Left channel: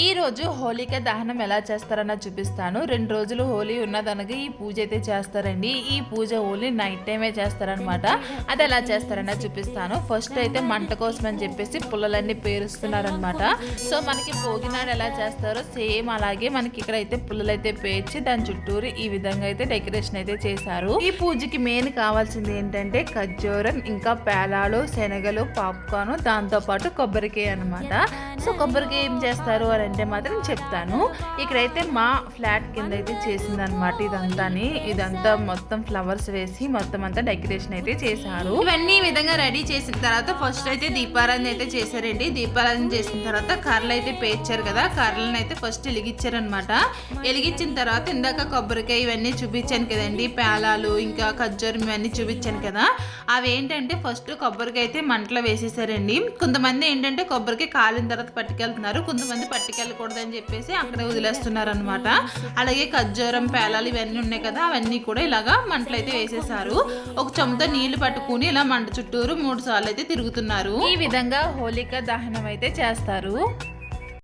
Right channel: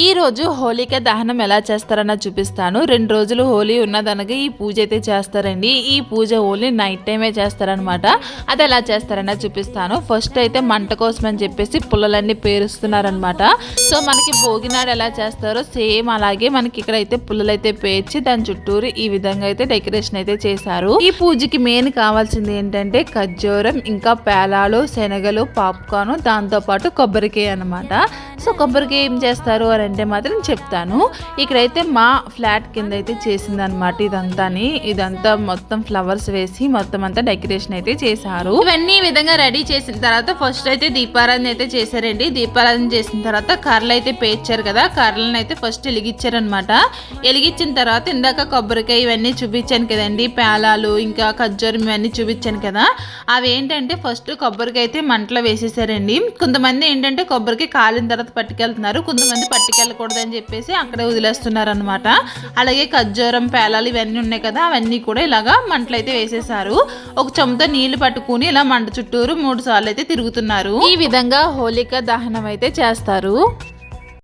ఈ రోజు హోలిక దహనం ఎలా చేస్తారన్న చూపిస్తాను. 2 రోజులు హోలీ ఉన్నదనగా ఈ పూజ అయితే చేస్తారండి. ఈ పూజ ఓన్లీ నైట్ టైమే చేస్తారనమాట. అది ఎలా చేస్తారన్న చూపిస్తాను. ఫస్ట్ అయితే మంట కోసం అని చెప్పేసి పుల్లలన్నీ పేరుస్తున్నారనమాట. సో మనకి భోగినాడు ఎలా చేస్తారో సేమ్ అలాగే మనకి ఇక్కడ అయితే పుల్లలు అయితే పేర్చి దాని చుట్టూరు ఈ విధంగా అయితే డెకరేషన్ అయితే చేశారు. ఈ పూజకి మెయిన్ కావాల్సింది ఏంటంటే ఖర్జూరం, ఇంకా పేలాలు, శనగలు, పాప్కార్న్, దాంతో పాటు కొబ్బరికాయ అనమాట. సో కొబ్బరికాయ ఏం చేస్తారు అంటే మాత్రం చెప్తాను. ఇక్కడైతే మా ఫ్లాట్ కింద అయితే చేసిందనమాట. ఇదంతా మొత్తం ఫ్లవర్స్ వేసి మొత్తం అంతా డెకరేషన్ అయితే చేశారు. ఇవన్నీ ఈ విధంగా రెడీ చేసిన తర్వాత ఫస్ట్ అయితే దీపారాధన అయితే చేశారండి. దీపారాధన చేసిన తర్వాత కర్రలు అయితే పేర్చారు కదా, కర్రలను అయితే ఫస్ట్ వెలిగించారనమాట. వెలిగించిన తర్వాత ఇందాక కొబ్బరికాయ ఇవన్నీ చూపించాను కదండి, పేలాలు ఇంకా ఖర్జూరం ఇవన్నీ చూపించాను కదా, అవి ఏంటంటే ఫస్ట్ కొబ్బరికాయ అయితే మంటలో వేసేసారండి. కొంతమంది ఏంటంటే కొబ్బరికాయ కాలిన తర్వాత పట్టుకెళ్తున్నారు, కొంతమంది పట్టుకెళ్ళకూడదని చెప్పేసి అక్కడే వదిలేస్తున్నారు అనమాట. అలాగే ఖర్జూరం, పేలాలు ఇవన్నీ ఉన్నాయి కదా, అవన్నీ కూడా ఇలాగా మంటలు అయితే వేసేసారు. ఒక చెంబుతో నీళ్లు పట్టుకుని ఇలా మంట చుట్టూరు 3 సార్లు అయితే తిరుగుతున్నారు. ఈ విధంగా హోలిక దహనం అయితే చేస్తారు.